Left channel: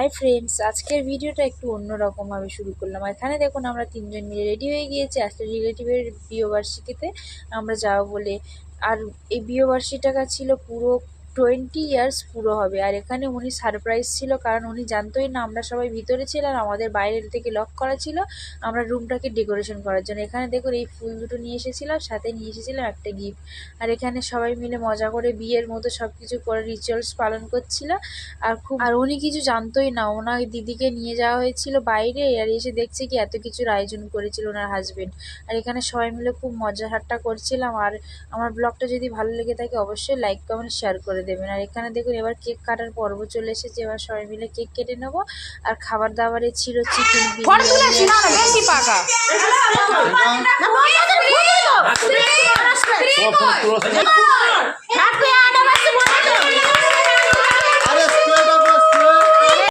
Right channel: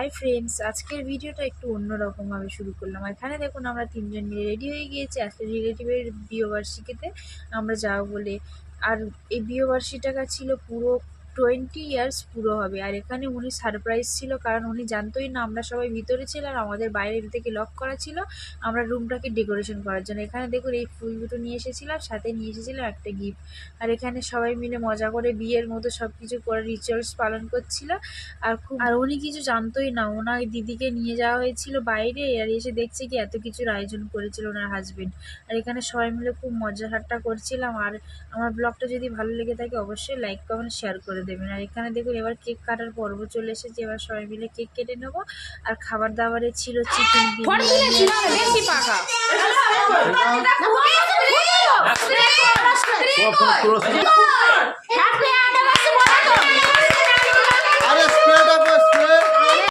Hi friends, আজকের ভিডিওটা একটু অন্যরকমভাবে শুরু করলাম। এখানে দেখুন আমরা তিনজন মিলে রেডি হয়ে গিয়েছি আজকে রিলেটিভের বিয়েবার্ষিকীতে আমরা যাবো বলে। আর এই বিয়েবার্ষিকীটা ছিল পুরো 20 ইয়ার্স পুরো হবে। আর এখানে উনি সারপ্রাইজ ছিল, কারণ উনি জানতোই না আমরা সবাই ভিতরে ছিলাম, আমাদের বাইরের থেকে লক করা ছিল আমরা রুমটাকে ডেকোরেশন করার জন্য। এখানে দেখুন এই ফুল দুটো নিয়ে এসেছিলাম, সাথে নিয়ে এসেছিলাম একটা গিফট। আর এখানে সবাই মিলে মজা করে বিয়ের মতো সব কিছু করে রিচুয়ালস পালন করছিল। আর উনি কিছু জানতোই না, ওনার দিদিকে নিয়ে যাওয়া হয়েছিল বাইরে, আর এসে দেখছে কি এত কিছুর আয়োজন করেছিল ওনার হাজবেন্ড। আর এখানে সবাই মিলে খুব মজা ঠাট্টা করছিলাম। আর আমার ব্লগটা যদি ভালো লেগে থাকে অবশ্যই লাইক কমেন্ট শেয়ার করে দেবেন। আর এখানে দেখুন এবার কেক কাটার পর্ব চলে এসেছে, এবার সবাই মিলে কেক কেটে নেবো। আর খাবার দাবারে ছিল চিকেন বিরিয়ানি।